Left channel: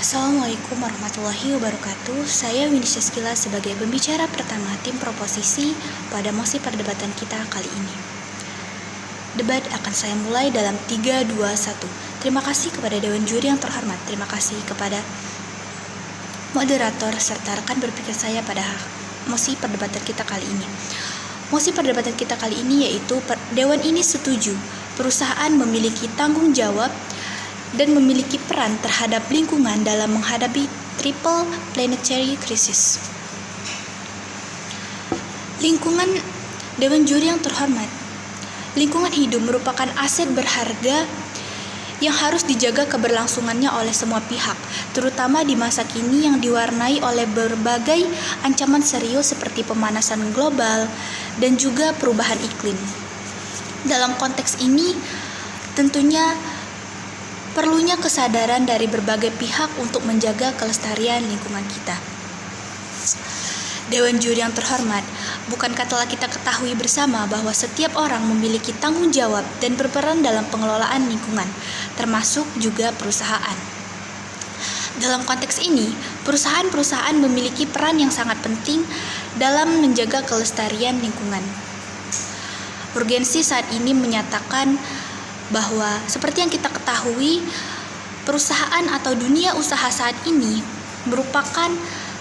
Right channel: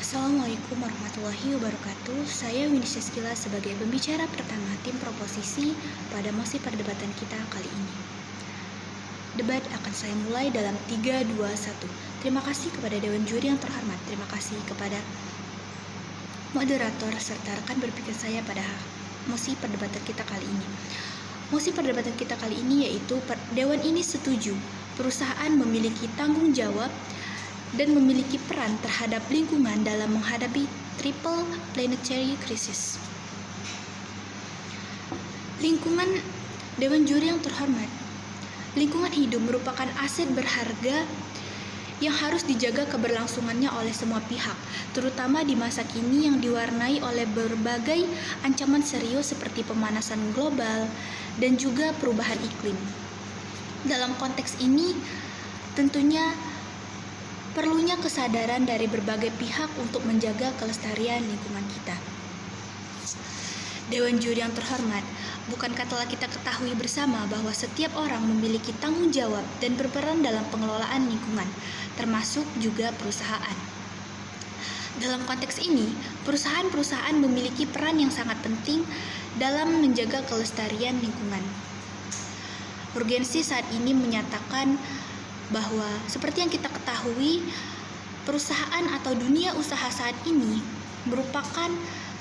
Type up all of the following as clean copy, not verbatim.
Assalamualaikum warahmatullahi wabarakatuh. Saya Winisya Skila sebagai pembicara pertama tim proposisi pada mosi perdebatan kita kali ini. Debat akan saya mulai dalam 3, 2, 1. Terima kasih kepada Dewan Juri yang terhormat. Terima kasih kepada moderator serta rekan berpikir saya pada mosi perdebatan kita kali ini. Mosi perdebatan kita kali ini yaitu Dewan ini setuju perusahaan memiliki tanggung jawab dan memiliki peran terhadap lingkungan dalam menghadapi triple planetary crisis. Lingkungan. Dewan Juri yang terhormat, lingkungan hidup merupakan aset berharga yang harus dijaga keberlangsungannya oleh semua pihak, terutama di masa kini yang diwarnai oleh berbagai ancaman serius seperti pemanasan global dan juga perubahan iklim. Dalam konteks ini, tentunya perlunya kesadaran dari berbagai pihak untuk menjaga kelestarian lingkungan kita. Dewan Juri yang terhormat, bukankah telah kita ketahui bersama bahwa setiap orang memiliki tanggung jawab dan berperan dalam pengelolaan lingkungan, termasuk juga perusahaan. Dalam konteks ini, perusahaan-perusahaan memiliki peran yang sangat penting dalam menjaga kelestarian lingkungan. Urgensi saat ini menyatakan bahwa seperti yang kita ketahui, perusahaan atau dunia usaha saat ini merupakan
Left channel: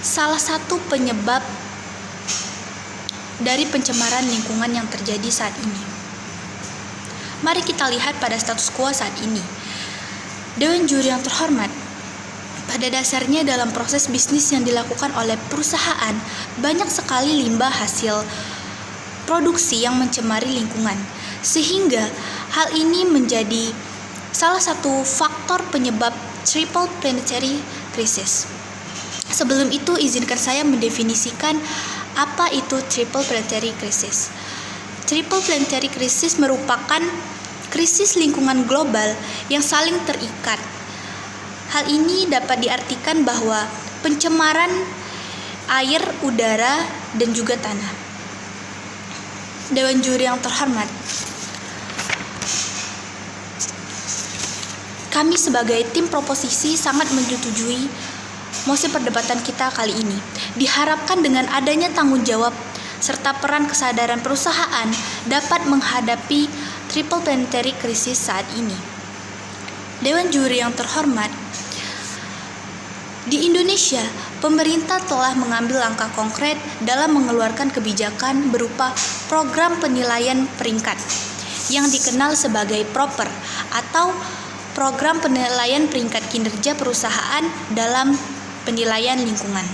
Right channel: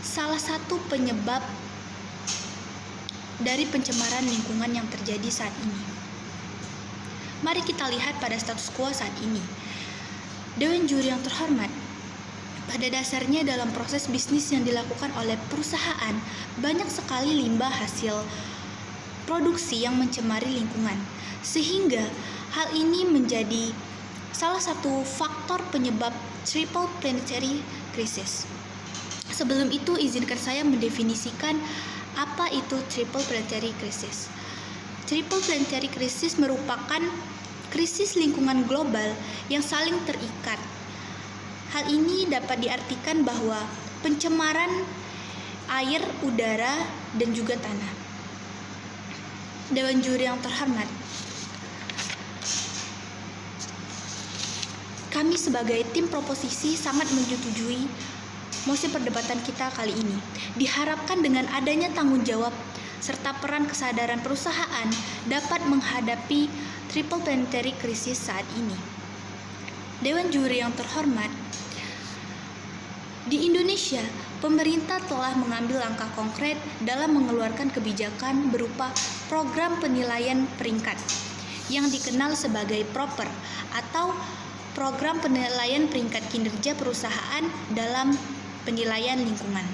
salah satu penyebab dari pencemaran lingkungan yang terjadi saat ini. Mari kita lihat pada status quo saat ini. Dewan Juri yang terhormat, pada dasarnya dalam proses bisnis yang dilakukan oleh perusahaan, banyak sekali limbah hasil produksi yang mencemari lingkungan, sehingga hal ini menjadi salah satu faktor penyebab triple planetary crisis. Sebelum itu, izinkan saya mendefinisikan apa itu triple planetary crisis. Triple planetary crisis merupakan krisis lingkungan global yang saling terikat. Hal ini dapat diartikan bahwa pencemaran air, udara, dan juga tanah. Dewan Juri yang terhormat, kami sebagai tim proposisi sangat menyetujui mosi perdebatan kita kali ini. Diharapkan dengan adanya tanggung jawab serta peran kesadaran perusahaan dapat menghadapi triple planetary crisis saat ini. Dewan Juri yang terhormat, di Indonesia, pemerintah telah mengambil langkah konkret dalam mengeluarkan kebijakan berupa program penilaian peringkat yang dikenal sebagai PROPER atau Program Penilaian Peringkat Kinerja Perusahaan dalam Penilaian Lingkungan.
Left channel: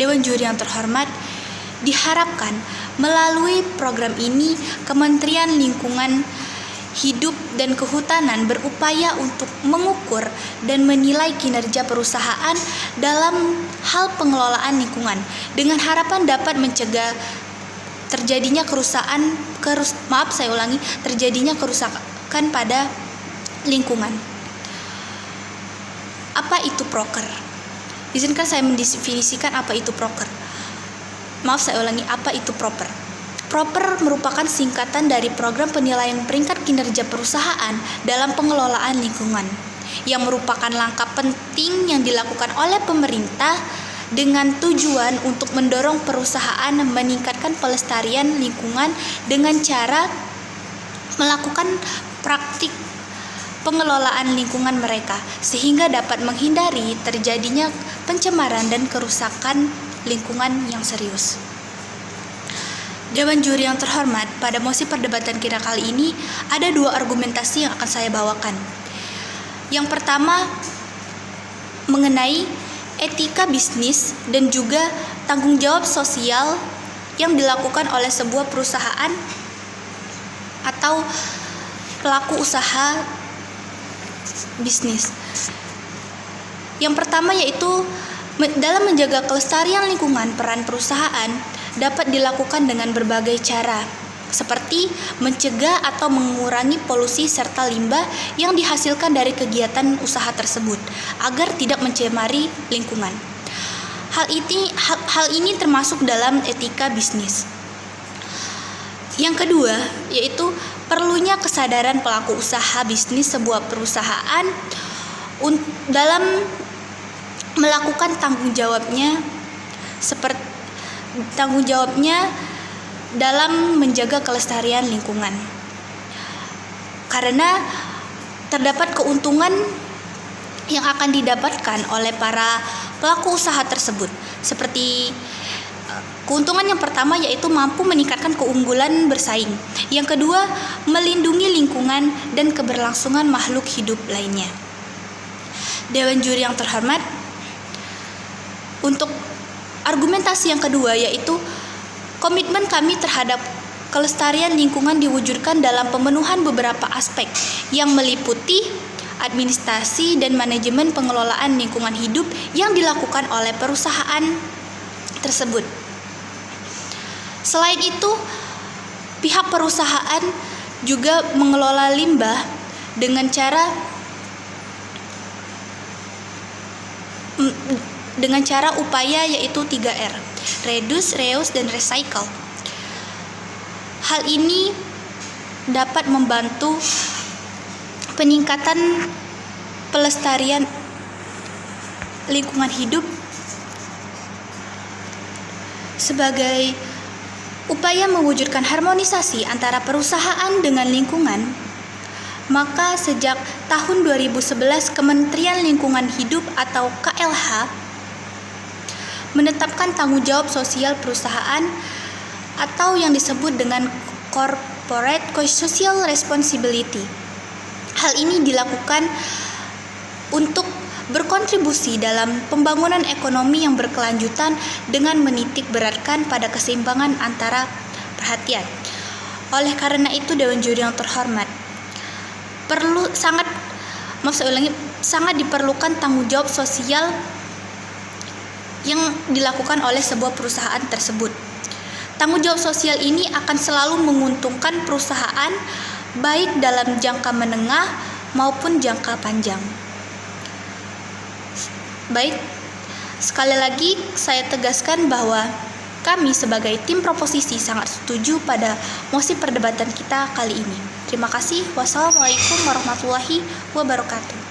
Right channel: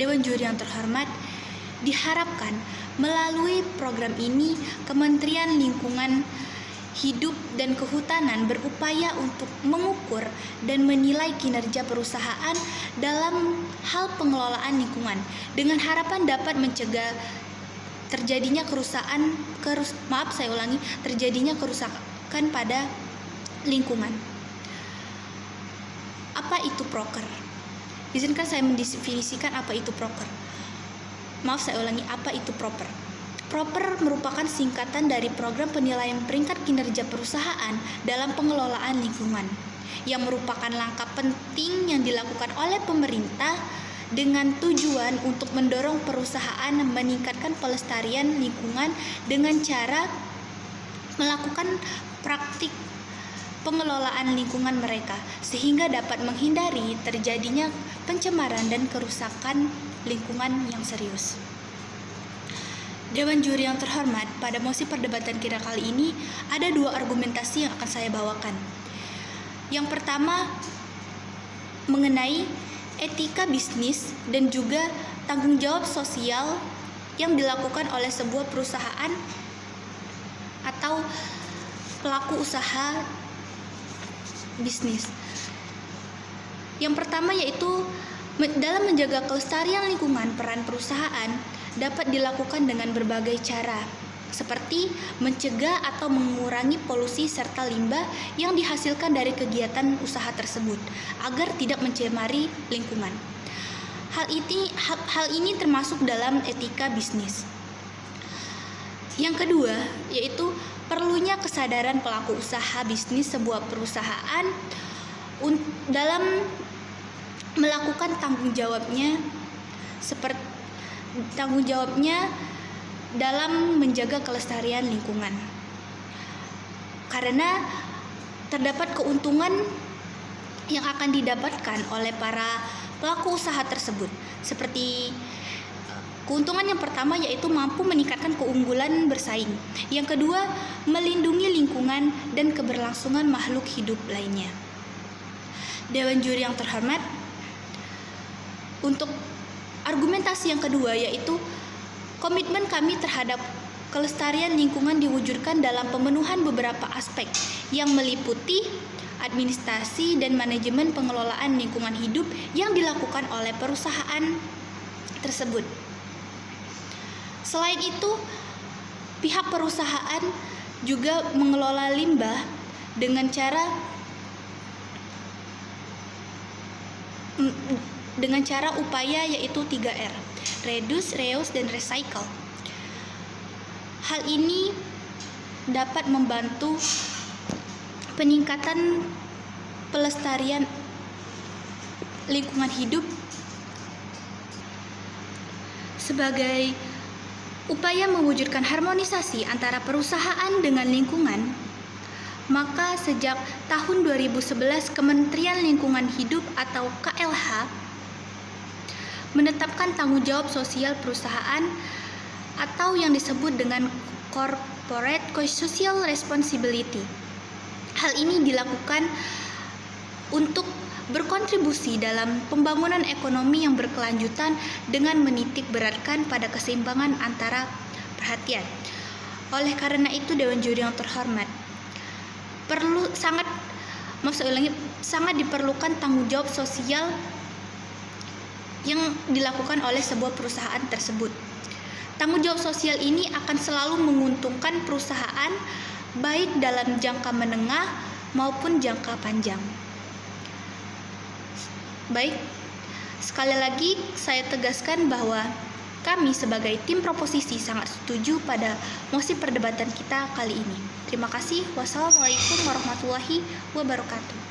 Dewan Juri yang terhormat, diharapkan melalui program ini Kementerian Lingkungan Hidup dan Kehutanan berupaya untuk mengukur dan menilai kinerja perusahaan dalam hal pengelolaan lingkungan dengan harapan dapat mencegah terjadinya terjadinya kerusakan pada lingkungan. Apa itu proker? Izinkan saya mendefinisikan apa itu proker. Apa itu proper? Proper merupakan singkatan dari Program Penilaian Peringkat Kinerja Perusahaan dalam Pengelolaan Lingkungan, yang merupakan langkah penting yang dilakukan oleh pemerintah dengan tujuan untuk mendorong perusahaan meningkatkan pelestarian lingkungan dengan cara melakukan praktik pengelolaan lingkungan mereka, sehingga dapat menghindari terjadinya pencemaran dan kerusakan lingkungan yang serius. Dewan Juri yang terhormat, pada mosi perdebatan kita kali ini ada dua argumentasi yang akan saya bawakan. Yang pertama mengenai etika bisnis dan juga tanggung jawab sosial yang dilakukan oleh sebuah perusahaan atau pelaku usaha bisnis. Yang pertama yaitu dalam menjaga kelestarian lingkungan, peran perusahaan dapat dilakukan dengan berbagai cara, seperti mencegah atau mengurangi polusi serta limbah yang dihasilkan dari kegiatan usaha tersebut agar tidak mencemari lingkungan. Hal ini termasuk dalam etika bisnis. Yang kedua yaitu perlunya kesadaran pelaku usaha bisnis sebuah perusahaan dalam melakukan tanggung jawabnya dalam menjaga kelestarian lingkungan. Karena terdapat keuntungan yang akan didapatkan oleh para pelaku usaha tersebut. Seperti keuntungan yang pertama yaitu mampu meningkatkan keunggulan bersaing. Yang kedua, melindungi lingkungan dan keberlangsungan makhluk hidup lainnya. Dewan juri yang terhormat, untuk argumentasi yang kedua yaitu komitmen kami terhadap kelestarian lingkungan diwujudkan dalam pemenuhan beberapa aspek yang meliputi administrasi dan manajemen pengelolaan lingkungan hidup yang dilakukan oleh perusahaan tersebut. Selain itu, pihak perusahaan juga mengelola limbah dengan cara upaya yaitu 3R, reduce, reuse, dan recycle. Hal ini dapat membantu peningkatan pelestarian lingkungan hidup sebagai upaya mewujudkan harmonisasi antara perusahaan dengan lingkungan. Maka sejak tahun 2011 Kementerian Lingkungan Hidup atau KLH menetapkan tanggung jawab sosial perusahaan atau yang disebut dengan Corporate Social Responsibility. Hal ini dilakukan untuk berkontribusi dalam pembangunan ekonomi yang berkelanjutan dengan menitik beratkan pada keseimbangan antara perhatian. Oleh karena itu, Dewan Juri yang terhormat, sangat diperlukan tanggung jawab sosial yang dilakukan oleh sebuah perusahaan tersebut. Tanggung jawab sosial ini akan selalu menguntungkan perusahaan baik dalam jangka menengah maupun jangka panjang. Baik, sekali lagi saya tegaskan bahwa kami sebagai tim proposisi sangat setuju pada mosi perdebatan kita kali ini. Terima kasih. Wassalamualaikum warahmatullahi wabarakatuh.